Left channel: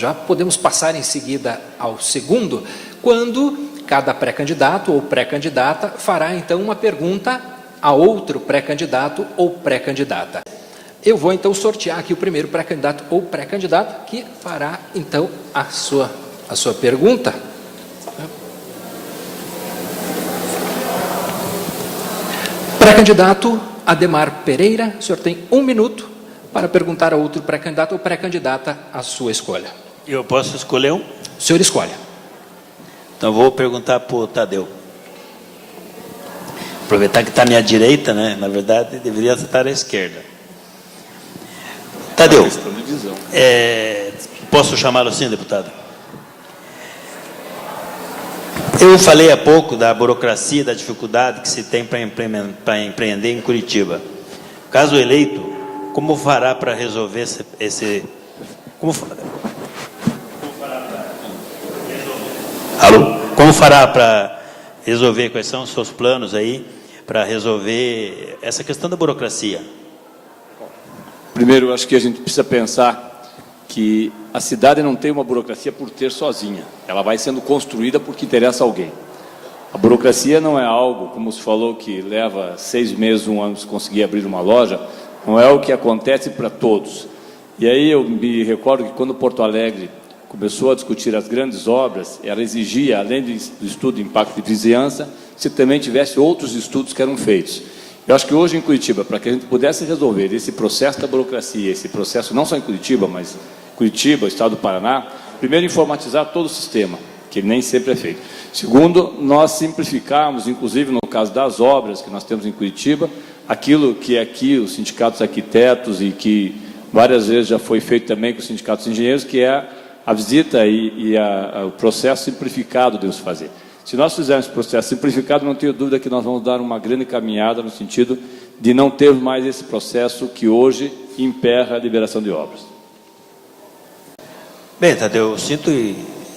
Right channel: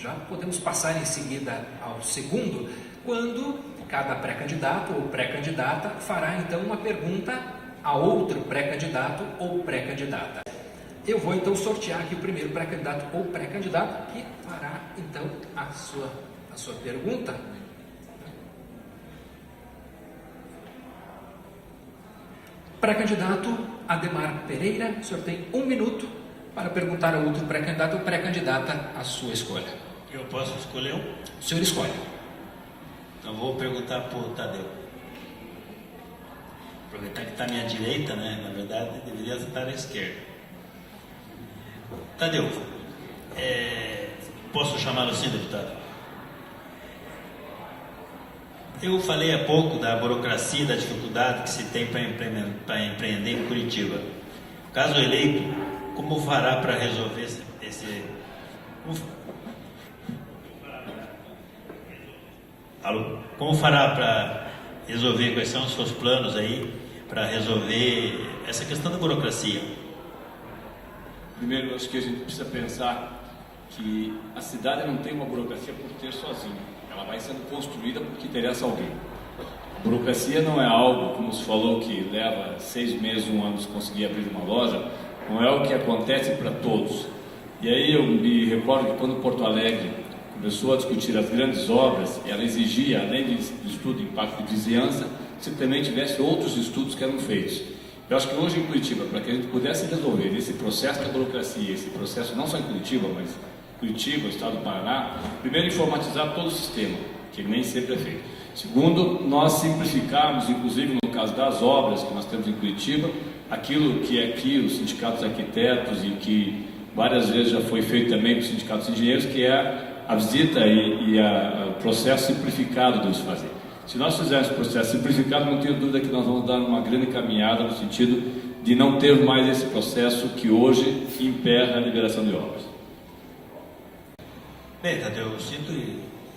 já podemos passar em seguida ao segundo, quando cada pré-candidato ou pré-candidata fará então uma pergunta a outro pré-candidato ou pré-candidata. Eu vou então sortear aqui o primeiro pré-candidato ou pré-candidata que fará então a sua pergunta. Pré-candidato Ademar Pereira, o senhor tem 1 minuto para perguntar a outro pré-candidato ou pré-candidata a sua escolha. Eu posso escolher um? O senhor escolhe. Então vou perguntar para o Tadeu. Aproveitar que está à minha direita, né? Na verdade, deveria estar à esquerda. Tadeu, posso chamá-lo assim, deputado? Eu falei há pouco da burocracia, da dificuldade que se tem para empreender em Curitiba. Caso eleito, como fará para resolver Como fará para resolver, quais são os seus planos aí para resolver essa questão da burocracia? Primeiro, eu acho que a gente precisa pensar que a cidade não tem uma burocracia por ter sozinha. Ela vai sendo construída porque interessa a alguém. A burocracia não é algo, como se falou, que leva 6 meses, 1 ano para conseguir abrir uma loja. Não é o que acontece para todos. E aí eu me recordo que quando Porto Alegre começou a discutir as grandes obras, ela exigia, além do estudo de impacto de vizinhança, que também tivesse outros estudos que eram feitos. Eu acho que hoje em Curitiba, para que a gente pudesse resolver esse processo da burocracia, esse processo não só em Curitiba, mas Curitiba, Estado do Paraná, primeiro informatizar todo o sistema, que nem sempre é feito. Segundo, nós simplificarmos, inclusive no caso das obras que nós temos em Curitiba, aquilo que aqui os sindicatos arquitetos e que várias vezes já foi feito também com os sindicatos de engenheiros, que é a visita e o processo simplificado de se fazer. Se nós fizermos esse processo simplificado, não tenho dúvida que nós vamos dar uma grande caminhada no sentido de não ter mais esse processo que hoje emperra a liberação de obras. Bem, Tadeu, eu sinto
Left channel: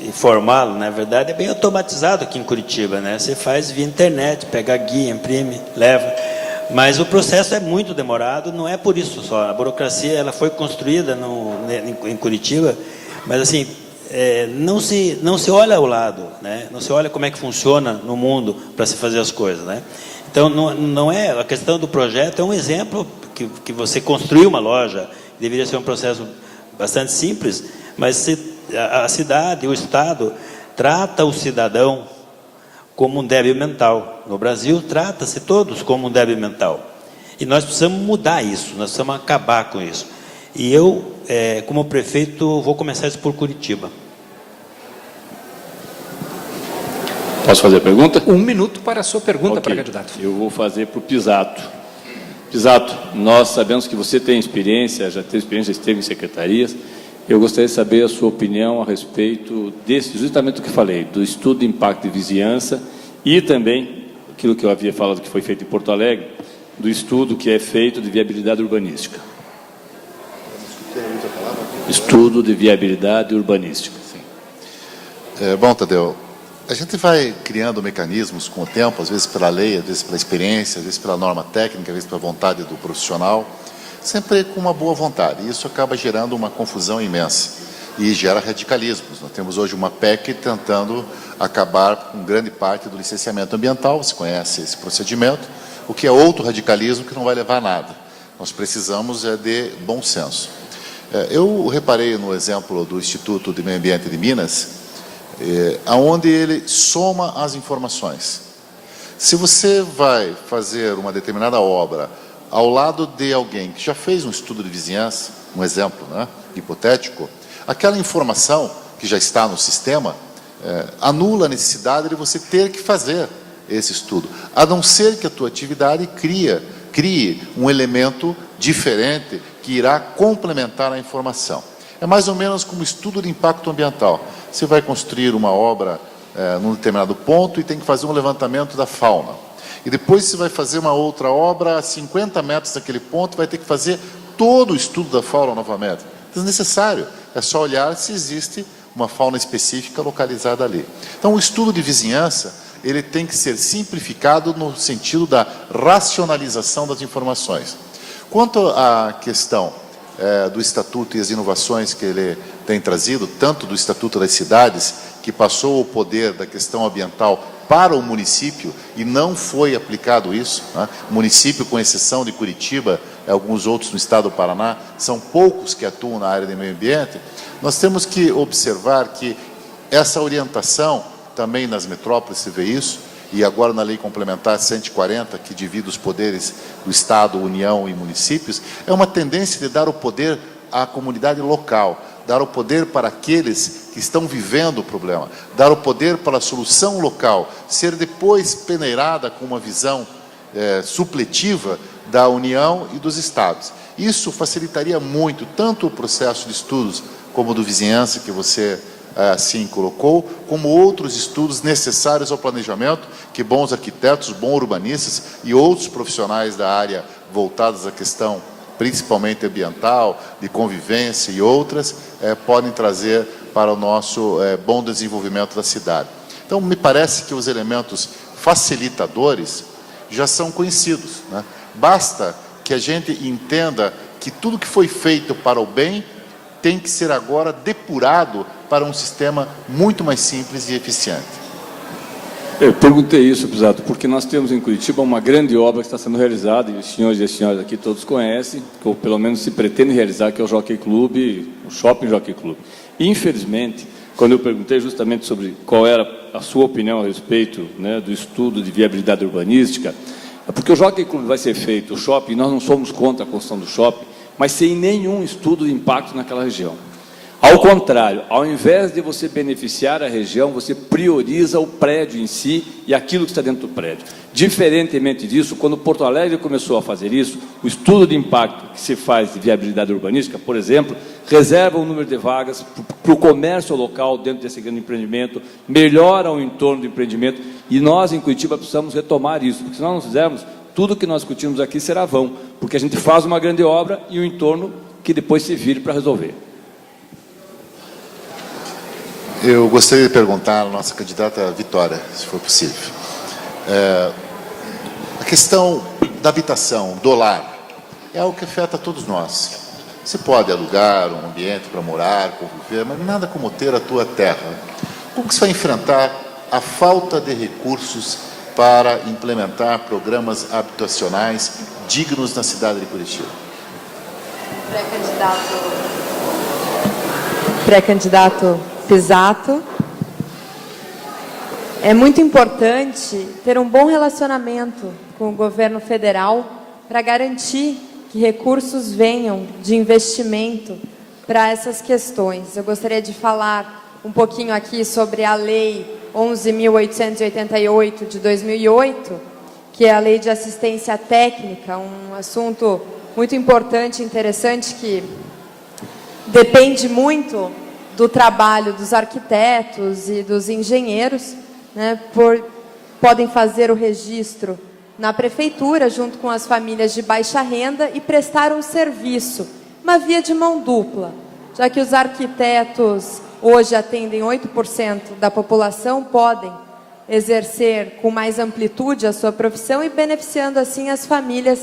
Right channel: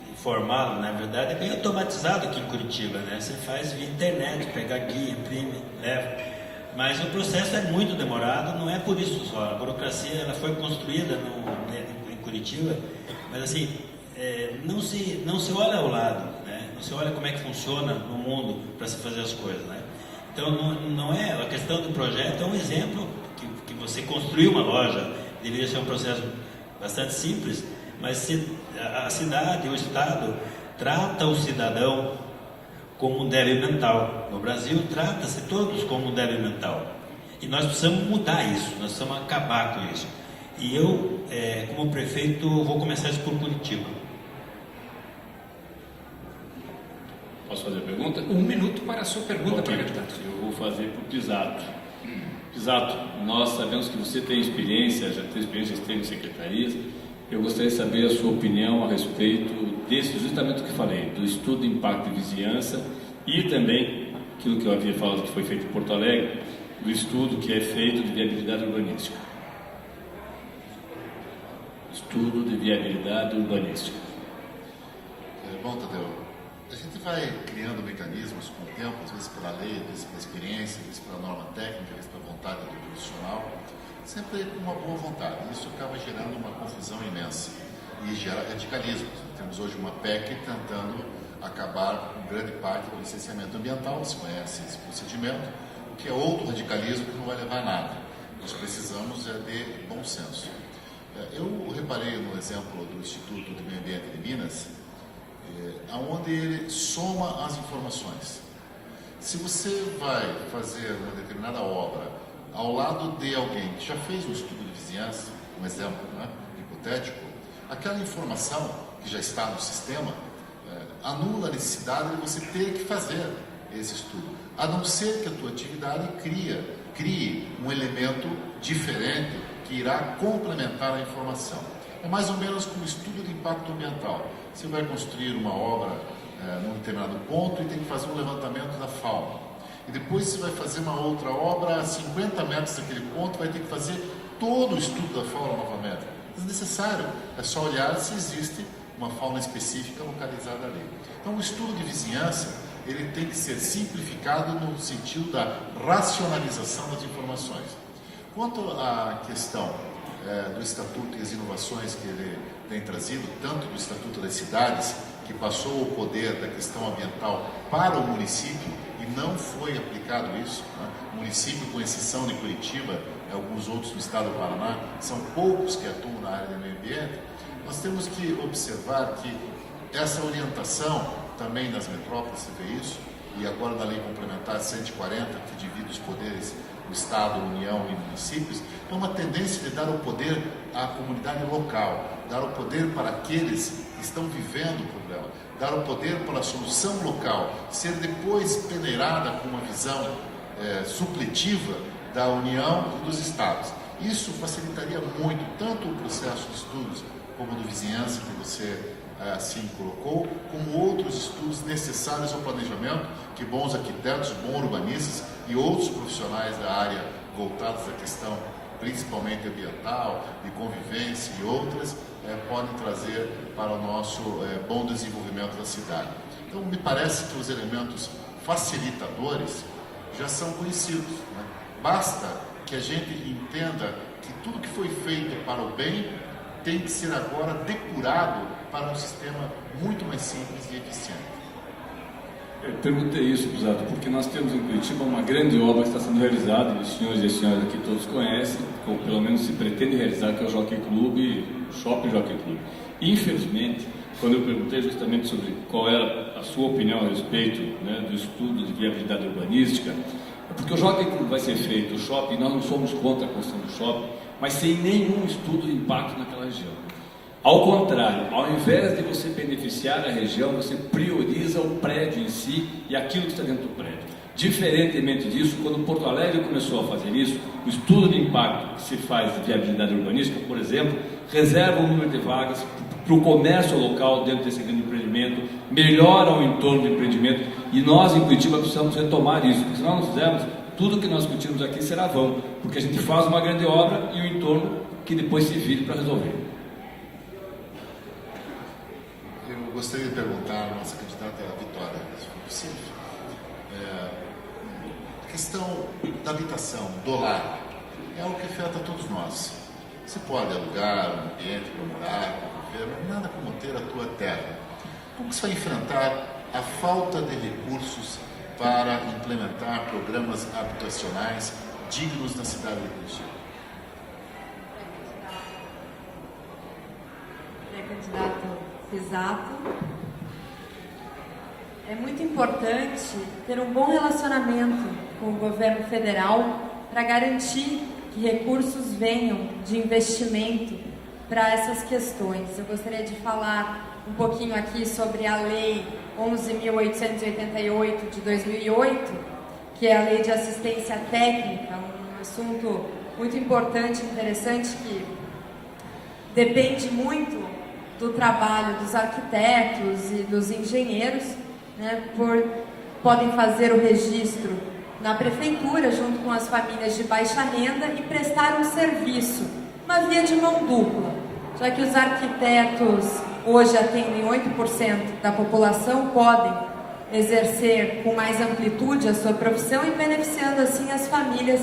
informá-lo, na verdade é bem automatizado aqui em Curitiba, né? Você faz via internet, pega a guia, imprime, leva. Mas o processo é muito demorado, não é por isso só. A burocracia ela foi construída em Curitiba, mas assim, não se olha ao lado, né? Não se olha como é que funciona no mundo para se fazer as coisas, né? Então, não é a questão do projeto, é um exemplo que você construiu uma loja, deveria ser um processo bastante simples, mas a cidade, o Estado, trata o cidadão como um débil mental. No Brasil, trata-se todos como um débil mental. E nós precisamos mudar isso, nós precisamos acabar com isso. E eu, como prefeito, vou começar isso por Curitiba. Posso fazer a pergunta? 1 minuto para a sua pergunta, Okay. pré-candidato. Eu vou fazer para o Pisato. Pisato, nós sabemos que você tem experiência, já teve experiência, esteve em secretarias. Eu gostaria de saber a sua opinião a respeito desse, justamente o que falei, do estudo de impacto de vizinhança e também aquilo que eu havia falado que foi feito em Porto Alegre, do estudo que é feito de viabilidade urbanística. Estudo de viabilidade urbanística. Bom, Tadeu, a gente vai criando mecanismos com o tempo, às vezes pela lei, às vezes pela experiência, às vezes pela norma técnica, às vezes pela vontade do profissional, sempre com uma boa vontade. E isso acaba gerando uma confusão imensa e gera radicalismos. Nós temos hoje uma PEC tentando acabar com grande parte do licenciamento ambiental, você conhece esse procedimento, o que é outro radicalismo que não vai levar a nada. Nós precisamos de bom senso. Eu reparei no exemplo do Instituto de Meio Ambiente de Minas, onde ele soma as informações. Se você vai fazer uma determinada obra ao lado de alguém que já fez um estudo de vizinhança, um exemplo, né, hipotético, aquela informação que já está no sistema anula a necessidade de você ter que fazer esse estudo, a não ser que a tua atividade crie um elemento diferente que irá complementar a informação. É mais ou menos como estudo de impacto ambiental. Você vai construir uma obra num determinado ponto e tem que fazer um levantamento da fauna. E depois você vai fazer uma outra obra a 50 metros daquele ponto, vai ter que fazer todo o estudo da fauna novamente. É desnecessário, é só olhar se existe uma fauna específica localizada ali. Então, o estudo de vizinhança, ele tem que ser simplificado no sentido da racionalização das informações. Quanto à questão do Estatuto e as inovações que ele tem trazido, tanto do Estatuto das Cidades, que passou o poder da questão ambiental para o município e não foi aplicado isso, né? O município, com exceção de Curitiba e alguns outros no estado do Paraná, são poucos que atuam na área de meio ambiente. Nós temos que observar que essa orientação, também nas metrópoles se vê isso, e agora na Lei Complementar 140, que divide os poderes do Estado, União e municípios, é uma tendência de dar o poder à comunidade local, dar o poder para aqueles que estão vivendo o problema, dar o poder para a solução local, ser depois peneirada com uma visão supletiva da União e dos Estados. Isso facilitaria muito, tanto o processo de estudos como do vizinhança, que você assim colocou, como outros estudos necessários ao planejamento, que bons arquitetos, bons urbanistas e outros profissionais da área voltados à questão principalmente ambiental, de convivência e outras, podem trazer para o nosso bom desenvolvimento da cidade. Então, me parece que os elementos facilitadores já são conhecidos, né? Basta que a gente entenda que tudo que foi feito para o bem tem que ser agora depurado para um sistema muito mais simples e eficiente. Eu perguntei isso, Pisato, porque nós temos em Curitiba uma grande obra que está sendo realizada, e os senhores e as senhoras aqui todos conhecem, ou pelo menos se pretende realizar, que é o Jockey Club, o Shopping Jockey Club. Infelizmente, quando eu perguntei justamente sobre qual era a sua opinião a respeito, né, do estudo de viabilidade urbanística, é porque o Jockey Club vai ser feito, o shopping, nós não somos contra a construção do shopping, mas sem nenhum estudo de impacto naquela região. Ao contrário, ao invés de você beneficiar a região, você prioriza o prédio em si e aquilo que está dentro do prédio. Diferentemente disso, quando Porto Alegre começou a fazer isso, o estudo de impacto que se faz de viabilidade urbanística, por exemplo, reserva um número de vagas para o comércio local dentro desse grande empreendimento, melhora o entorno do empreendimento, e nós em Curitiba precisamos retomar isso, porque se nós não fizermos, tudo que nós discutimos aqui será vão, porque a gente faz uma grande obra e o entorno que depois se vire para resolver. Eu gostaria de perguntar à nossa candidata Vitória, se for possível. A questão da habitação, do lar, é algo que afeta a todos nós. Você pode alugar um ambiente para morar, conviver, mas nada como ter a tua terra. Como que você vai enfrentar a falta de recursos para implementar programas habitacionais dignos na cidade de Curitiba? Pré-candidato Pisato. É muito importante ter um bom relacionamento com o governo federal para garantir que recursos venham de investimento para essas questões. Eu gostaria de falar um pouquinho aqui sobre a Lei 11.888 de 2008, que é a Lei de Assistência Técnica, um assunto muito importante e interessante que depende muito do trabalho dos arquitetos e dos engenheiros, né, podem fazer o registro na prefeitura, junto com as famílias de baixa renda, e prestar um serviço, uma via de mão dupla, já que os arquitetos hoje atendem 8% da população, podem exercer com mais amplitude a sua profissão e beneficiando assim as famílias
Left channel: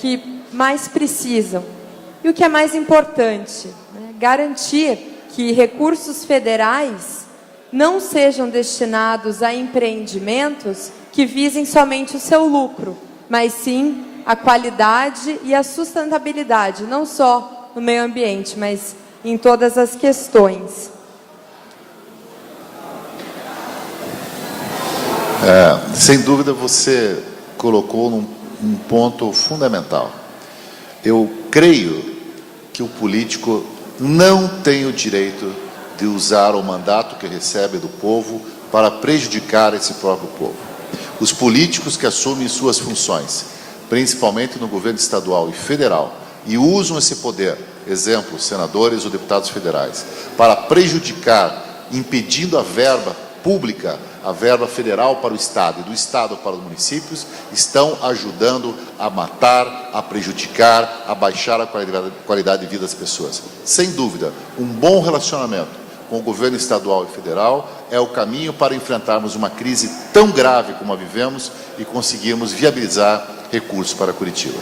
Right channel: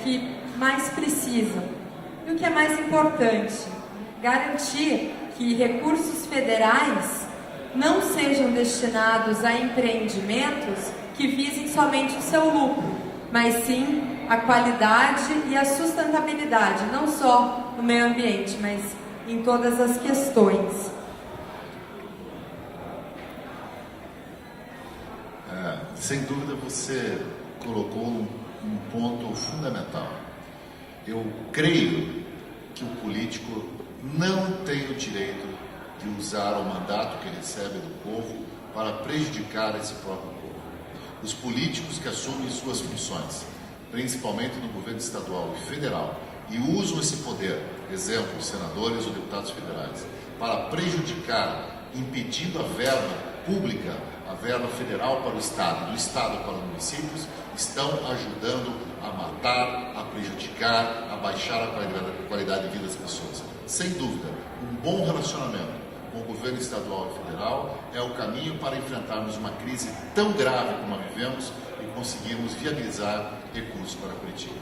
que mais precisam. E o que é mais importante, né, garantir que recursos federais não sejam destinados a empreendimentos que visem somente o seu lucro, mas sim a qualidade e a sustentabilidade, não só no meio ambiente, mas em todas as questões. Sem dúvida você colocou um ponto fundamental. Eu creio que o político não tem o direito de usar o mandato que recebe do povo para prejudicar esse próprio povo. Os políticos que assumem suas funções, principalmente no governo estadual e federal, e usam esse poder, exemplo, senadores ou deputados federais, para prejudicar, impedindo a verba pública, a verba federal para o Estado e do Estado para os municípios, estão ajudando a matar, a prejudicar, a baixar a qualidade de vida das pessoas. Sem dúvida, um bom relacionamento com o governo estadual e federal é o caminho para enfrentarmos uma crise tão grave como a vivemos e conseguirmos viabilizar recursos para Curitiba.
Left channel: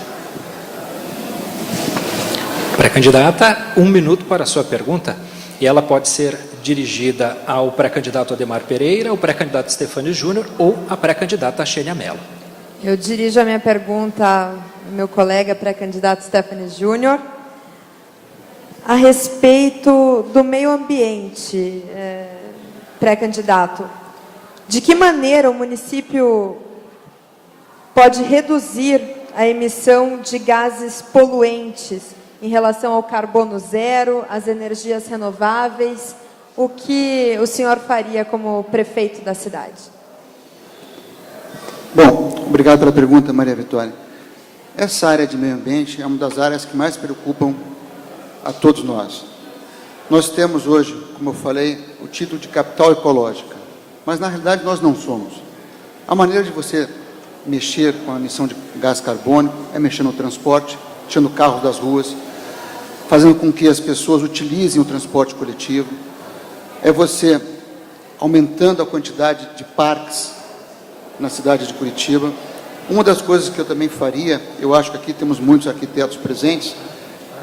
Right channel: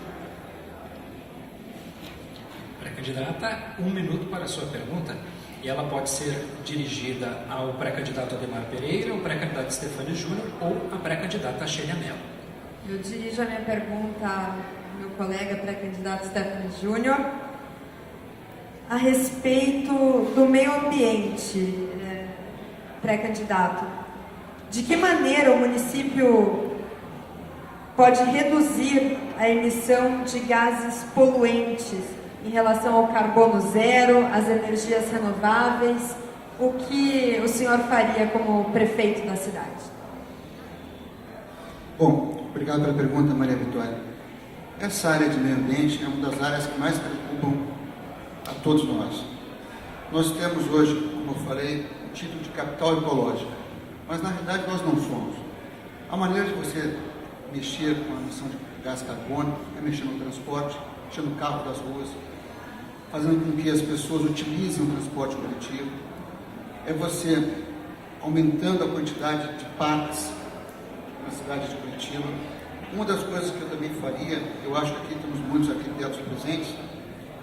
Pré-candidata, 1 minuto para a sua pergunta, e ela pode ser dirigida ao pré-candidato Ademar Pereira, ao pré-candidato Stefânio Júnior ou à pré-candidata Xênia Mello. Eu dirijo a minha pergunta ao meu colega pré-candidato Stefânio Júnior a respeito do meio ambiente, pré-candidato. De que maneira o município pode reduzir a emissão de gases poluentes em relação ao carbono zero, às energias renováveis? O que o senhor faria como prefeito da cidade? Bom, obrigado pela pergunta, Maria Vitória. Essa área de meio ambiente é uma das áreas que mais preocupam a todos nós. Nós temos hoje, como eu falei, o título de capital ecológica, mas na realidade nós não somos. A maneira de você mexer com a emissão de gás carbônico é mexer no transporte, tirando carros das ruas, fazendo com que as pessoas utilizem o transporte coletivo, é você aumentando a quantidade de parques na cidade de Curitiba. Uma das coisas que eu também faria, eu acho que aqui temos muitos arquitetos presentes,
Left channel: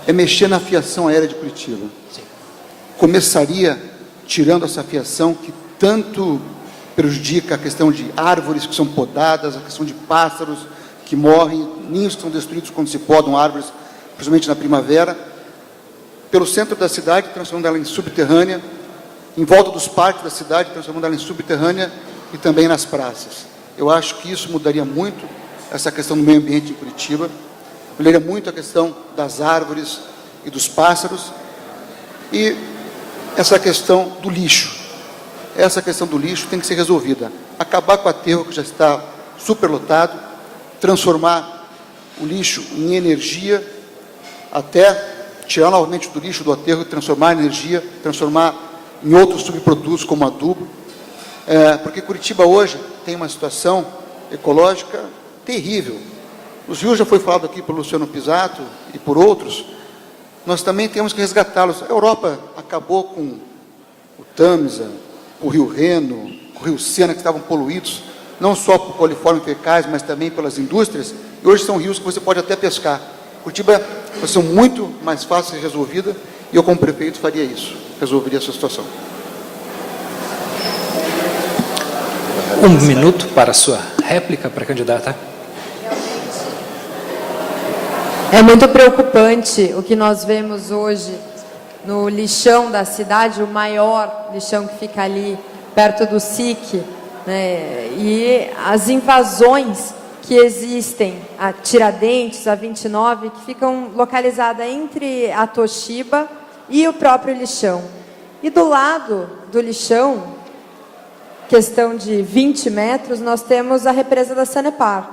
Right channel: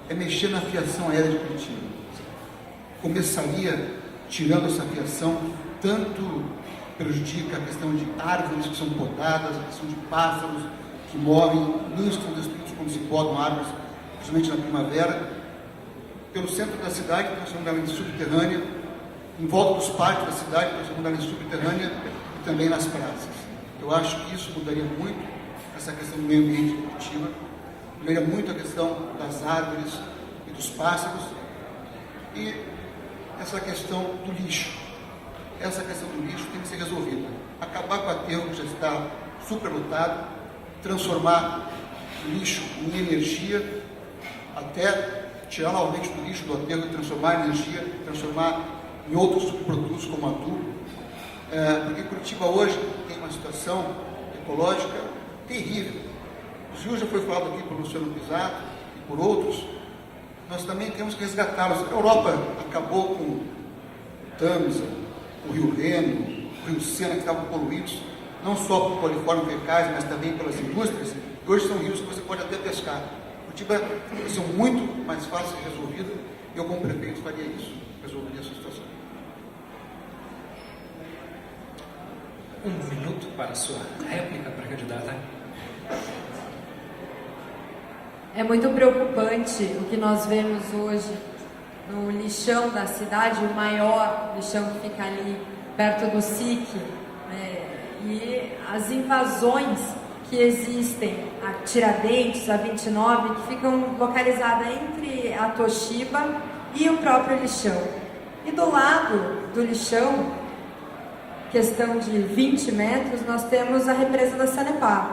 é mexer na fiação aérea de Curitiba. Começaria tirando essa fiação que tanto prejudica a questão de árvores que são podadas, a questão de pássaros que morrem, ninhos estão destruídos quando se podam árvores, principalmente na primavera, pelo centro da cidade, transformando ela em subterrânea, em volta dos parques da cidade, transformando ela em subterrânea e também nas praças. Eu acho que isso mudaria muito essa questão do meio ambiente de Curitiba, mudaria muito a questão das árvores e dos pássaros, e essa questão do lixo. Essa questão do lixo tem que ser resolvida. Acabar com o aterro que já está superlotado, transformar o lixo em energia, até tirar novamente do lixo do aterro e transformar em energia, transformar em outros subprodutos como adubo, porque Curitiba hoje tem uma situação ecológica terrível. Os rios já foi falado aqui pelo Luciano Pisato e por outros, nós também temos que resgatá-los. A Europa acabou com o Tâmisa, o Rio Reno, o Rio Sena, que estavam poluídos, não só por coliformes fecais, mas também pelas indústrias, e hoje são rios que você pode até pescar. Curitiba é uma situação muito mais fácil de ser resolvida, e eu como prefeito faria isso, resolveria essa situação. 1 minuto para a sua réplica, pré-candidata. É muito preocupante o que nós vemos hoje no lixão da cidade, o maior lixão que fica ali perto do SIC, né? E as invasões que existem, a Tiradentes, a 29, que ficam localizadas entre a Toshiba e o próprio lixão. E do lado do lixão, questão de 20 metros, nós temos a represa da Sanepar.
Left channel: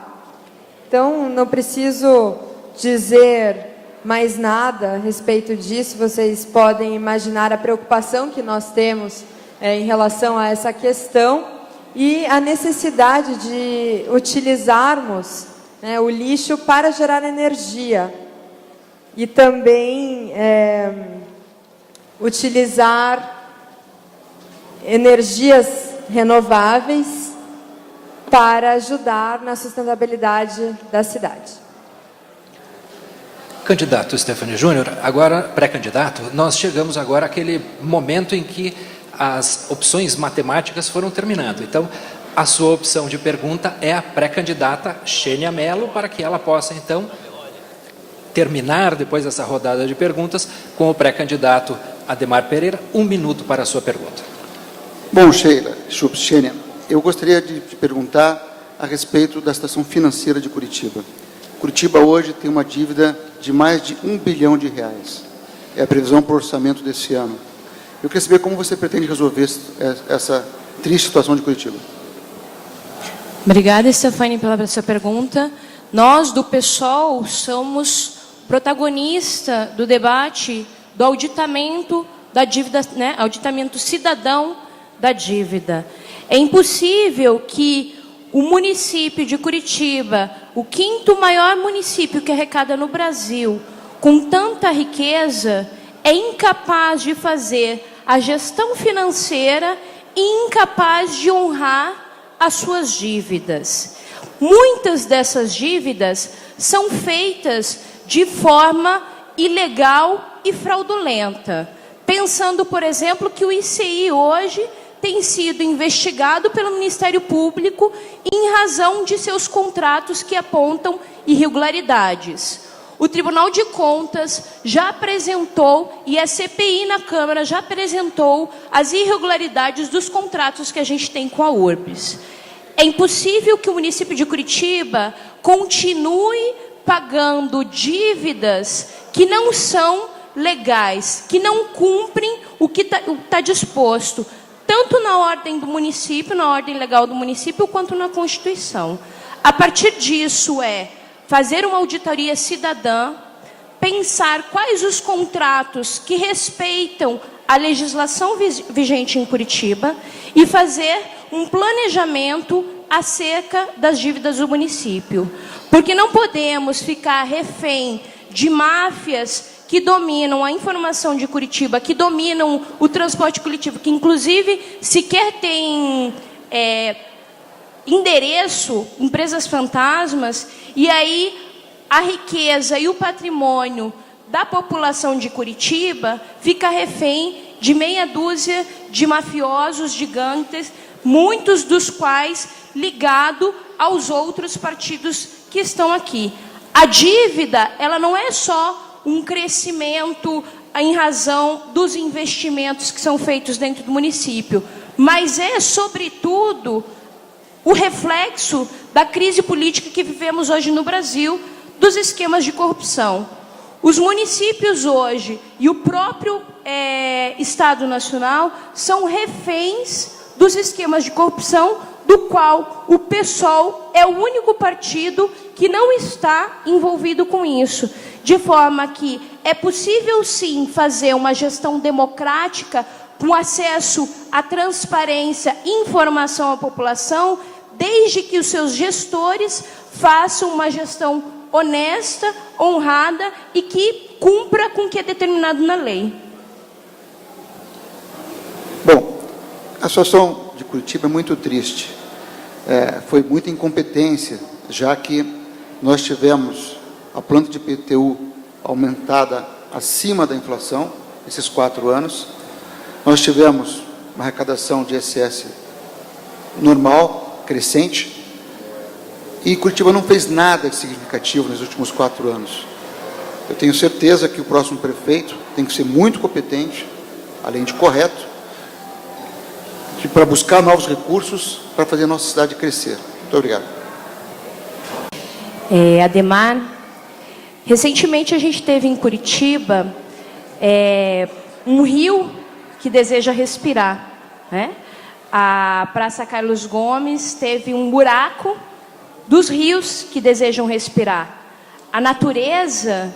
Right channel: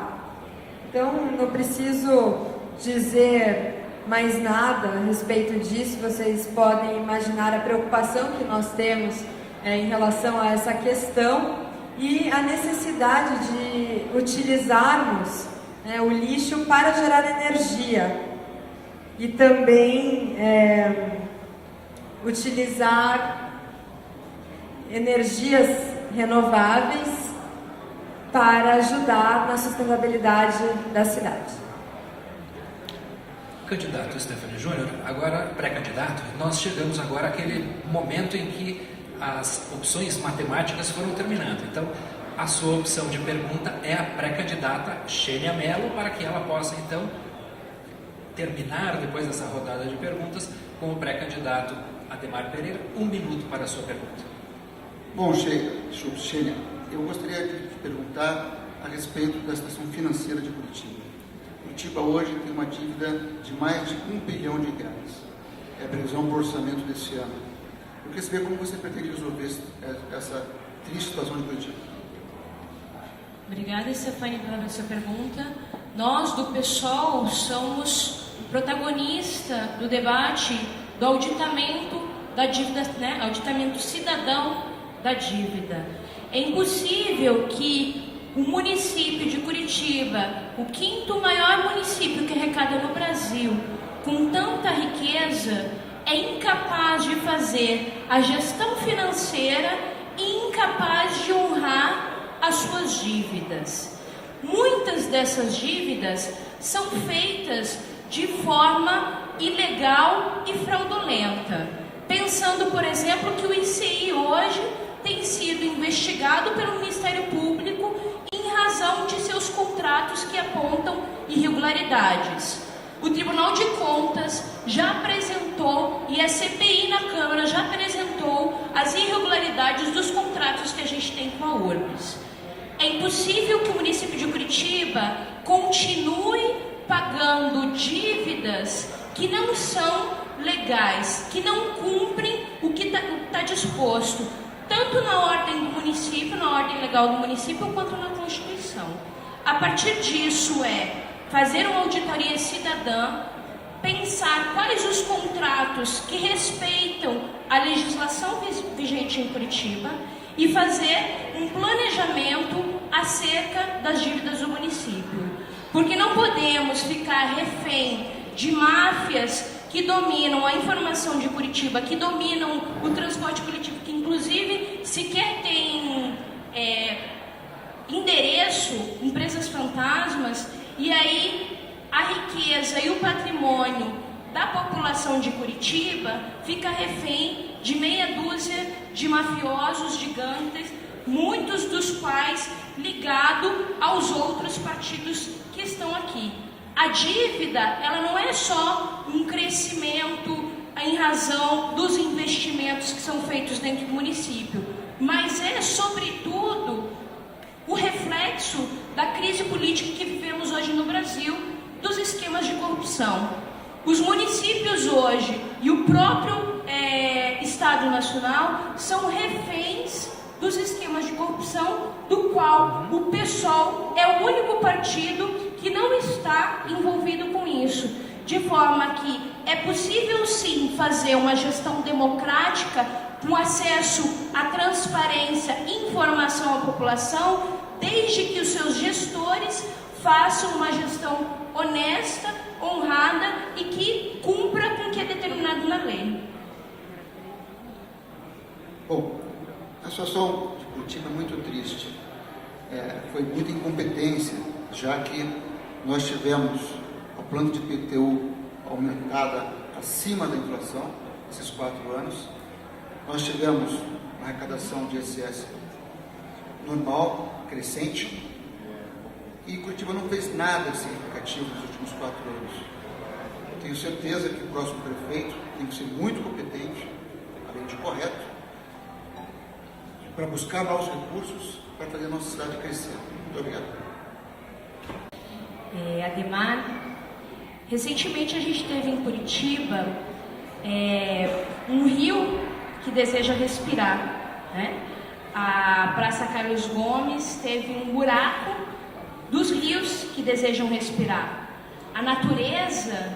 Então, não preciso dizer mais nada a respeito disso, vocês podem imaginar a preocupação que nós temos em relação a essa questão e a necessidade de utilizarmos, né, o lixo para gerar energia e também utilizar energias renováveis para ajudar na sustentabilidade da cidade. Candidato Stefânio Júnior, agora pré-candidato, nós chegamos agora àquele momento em que as opções matemáticas foram terminando. Então, a sua opção de pergunta é a pré-candidata Xênia Mello, para que ela possa, então, terminar, depois dessa rodada de perguntas, com o pré-candidato Ademar Pereira. 1 minuto para a sua pergunta. Bom, Xênia, eu gostaria de te perguntar a respeito da situação financeira de Curitiba. Curitiba hoje tem uma dívida de mais de R$1 bilhão. É a previsão para o orçamento desse ano. Eu queria saber como você pretende resolver essa triste situação de Curitiba. Obrigada, Stefânia, pela sua pergunta. Nós, do PSOL, somos protagonista do debate do auditamento da dívida, né, auditamento cidadão da dívida. É impossível que o município de Curitiba, o 5º maior município que arrecada no Brasil, com tanta riqueza, é incapaz de fazer a gestão financeira e incapaz de honrar as suas dívidas. Muitas dessas dívidas são feitas de forma ilegal e fraudulenta. Pensando, por exemplo, que o ICI hoje tem sido investigado pelo Ministério Público em razão de seus contratos que apontam irregularidades. O Tribunal de Contas já apresentou, e a CPI na Câmara já apresentou, as irregularidades dos contratos que a gente tem com a URBS. É impossível que o município de Curitiba continue pagando dívidas que não são legais, que não cumprem o que está disposto, tanto na ordem do município, na ordem legal do município, quanto na Constituição. A partir disso fazer uma auditoria cidadã, pensar quais os contratos que respeitam a legislação vigente em Curitiba e fazer um planejamento acerca das dívidas do município. Porque não podemos ficar refém de máfias que dominam a informação de Curitiba, que dominam o transporte coletivo, que inclusive sequer tem endereço, empresas fantasmas, e aí a riqueza e o patrimônio da população de Curitiba fica refém de meia dúzia de mafiosos gigantes, muitos dos quais ligados aos outros partidos que estão aqui. A dívida, ela não é só um crescimento em razão dos investimentos que são feitos dentro do município, mas é, sobretudo, o reflexo da crise política que vivemos hoje no Brasil, dos esquemas de corrupção. Os municípios hoje e o próprio Estado Nacional são reféns dos esquemas de corrupção, do qual o PSOL é o único partido que não está envolvido com isso. De forma que é possível sim fazer uma gestão democrática com acesso à transparência e informação à população, desde que os seus gestores façam uma gestão honesta, honrada e que cumpra com o que é determinado na lei. Bom, a situação de Curitiba é muito triste. Foi muita incompetência, já que nós tivemos a planta de IPTU aumentada acima da inflação, esses 4 anos. Nós tivemos uma arrecadação de ISS normal, crescente, e Curitiba não fez nada de significativo nos últimos 4 anos. Eu tenho certeza que o próximo prefeito tem que ser muito competente, além de correto, para buscar novos recursos para fazer a nossa cidade crescer. Muito obrigado. Ademar, recentemente a gente teve em Curitiba um rio que deseja respirar, né? A Praça Carlos Gomes teve um buraco dos rios que desejam respirar. A natureza,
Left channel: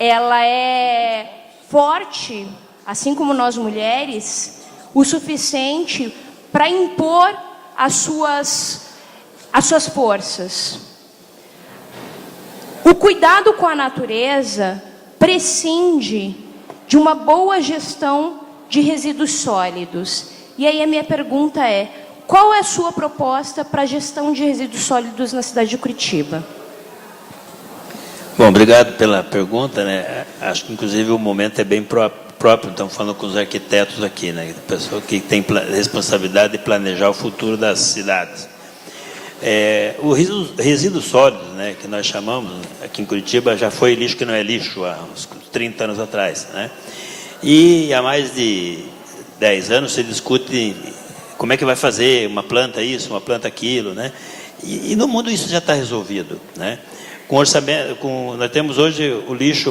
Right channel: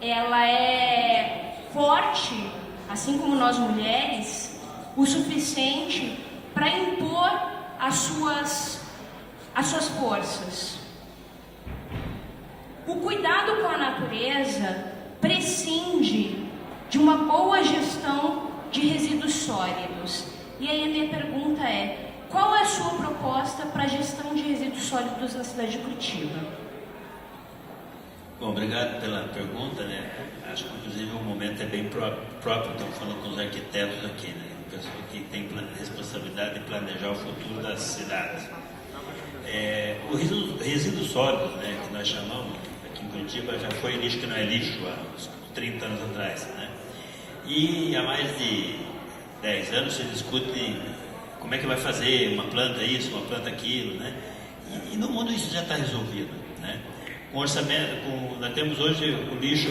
ela é forte, assim como nós mulheres, o suficiente para impor as suas forças. O cuidado com a natureza prescinde de uma boa gestão de resíduos sólidos. E aí a minha pergunta qual é a sua proposta para a gestão de resíduos sólidos na cidade de Curitiba? Bom, obrigado pela pergunta, né? Acho que inclusive o momento é bem próprio, estamos falando com os arquitetos aqui, né? Pessoa que tem responsabilidade de planejar o futuro das cidades. O resíduo sólido, né, que nós chamamos, aqui em Curitiba já foi lixo que não é lixo há uns 30 anos atrás, né? E há mais de 10 anos se discute como é que vai fazer uma planta isso, uma planta aquilo, né? E no mundo isso já está resolvido, né? Com orçamento, nós temos hoje o lixo,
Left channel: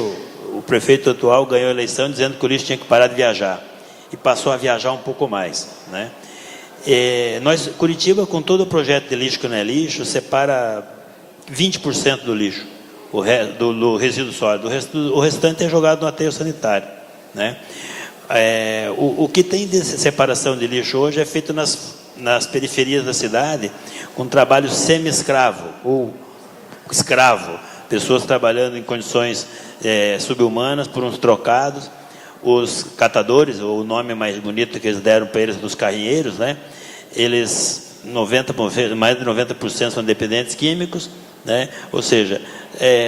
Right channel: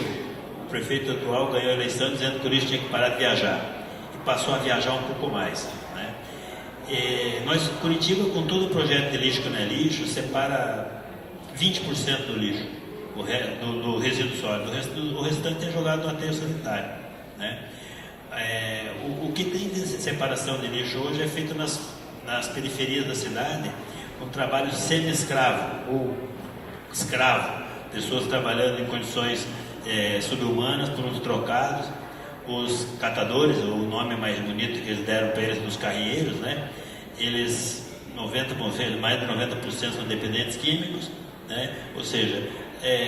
o prefeito atual ganhou a eleição dizendo que o lixo tinha que parar de viajar e passou a viajar um pouco mais, né? Curitiba, com todo o projeto de lixo que não é lixo, separa 20% do lixo, do resíduo sólido. O restante é jogado no aterro sanitário, né? O que tem de separação de lixo hoje é feito nas periferias da cidade, com trabalho semi-escravo ou escravo, pessoas trabalhando em condições subhumanas por uns trocados. Os catadores, o nome mais bonito que eles deram para eles, os carrinheiros, né? Eles, mais de 90% são dependentes químicos, né? Ou seja,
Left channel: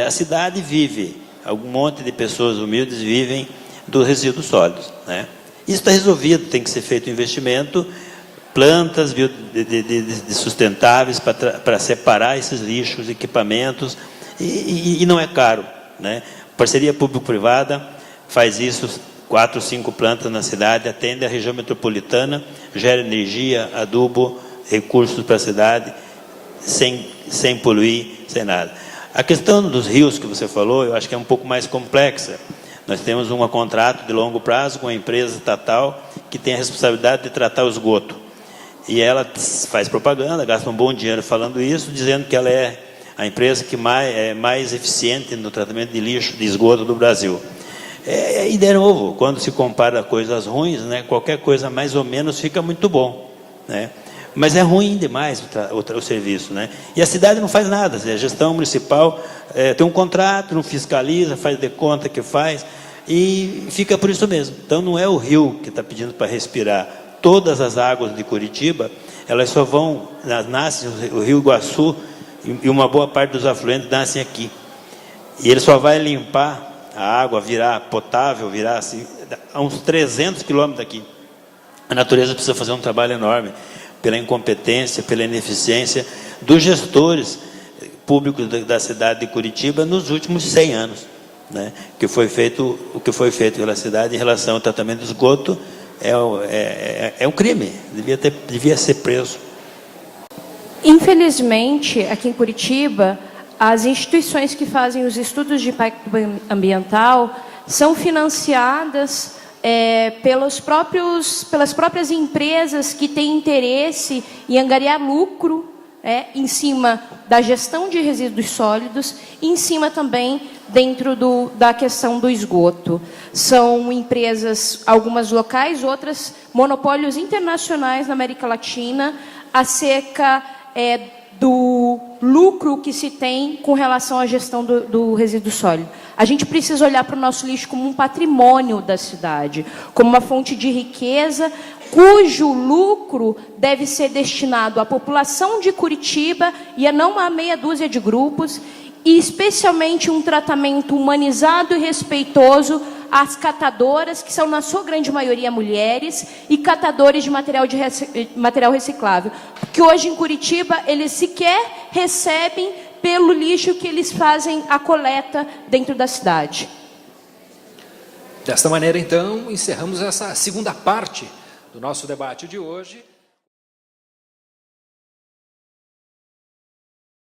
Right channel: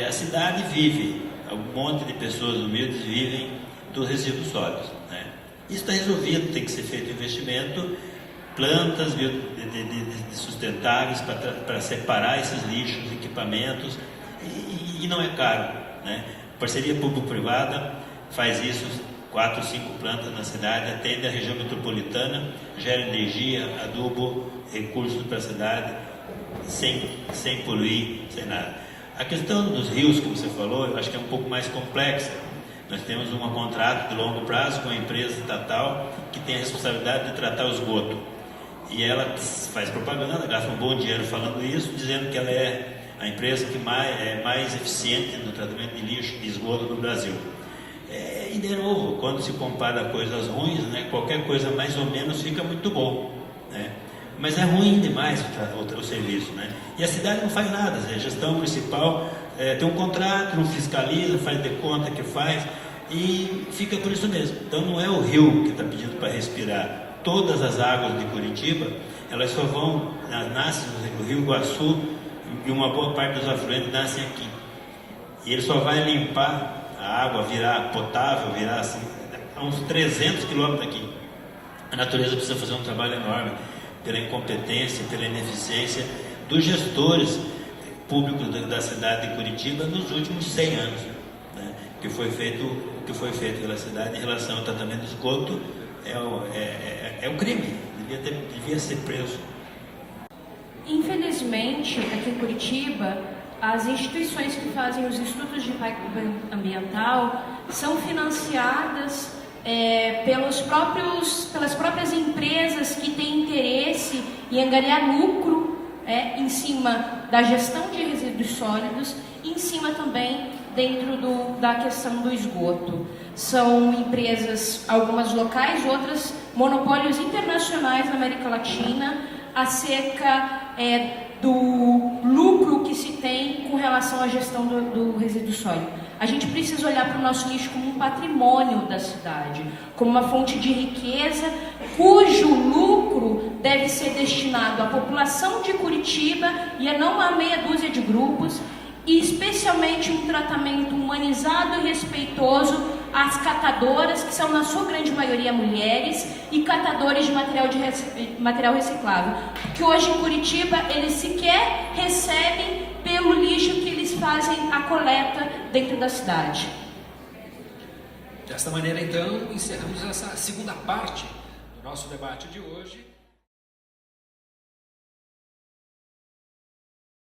a cidade vive algum monte de pessoas humildes vivem dos resíduos sólidos, né? Isso está resolvido, tem que ser feito investimento, plantas de sustentáveis para separar esses lixos, equipamentos, e não é caro, né? Parceria público-privada faz isso, 4 ou 5 plantas na cidade, atende a região metropolitana, gera energia, adubo, recursos para a cidade, sem poluir, sem nada. A questão dos rios que você falou, eu acho que é um pouco mais complexa. Nós temos um contrato de longo prazo com a empresa estatal que tem a responsabilidade de tratar o esgoto. E ela faz propaganda, gasta um bom dinheiro falando isso, dizendo que ela é a empresa que é mais eficiente no tratamento de lixo, de esgoto do Brasil. E de novo, quando se compara coisas ruins, né, qualquer coisa mais ou menos fica muito bom, né? Mas é ruim demais o serviço, né? E a cidade não faz nada, a gestão municipal tem um contrato, não fiscaliza, faz de conta que faz, e fica por isso mesmo. Então não é o rio que está pedindo para respirar. Todas as águas de Curitiba, elas só vão, nascem, o rio Iguaçu e uma boa parte dos afluentes nascem aqui. E ele só vai limpar a água, virar potável, virar assim, a uns 300 quilômetros daqui. A natureza precisa fazer um trabalho enorme, pela incompetência, pela ineficiência dos gestores públicos da cidade de Curitiba nos últimos 100 anos, né? O que foi feito pela cidade em relação ao tratamento de esgoto é um crime, devia ser preso. Infelizmente, aqui em Curitiba, as instituições que fazem os estudos de impacto ambiental são financiadas pelas próprias empresas que têm interesse em angariar lucro em cima da gestão de resíduos sólidos e em cima também dentro da questão do esgoto. São empresas, algumas locais, outras monopólios internacionais na América Latina, acerca do lucro que se tem com relação à gestão do resíduo sólido. A gente precisa olhar para o nosso lixo como um patrimônio da cidade, como uma fonte de riqueza, cujo lucro deve ser destinado à população de Curitiba e a não a meia dúzia de grupos, e especialmente um tratamento humanizado e respeitoso às catadoras, que são na sua grande maioria mulheres, e catadores de material reciclável, que hoje em Curitiba eles sequer recebem pelo lixo que eles fazem a coleta dentro da cidade. Desta maneira, então, encerramos essa segunda parte do nosso debate de hoje.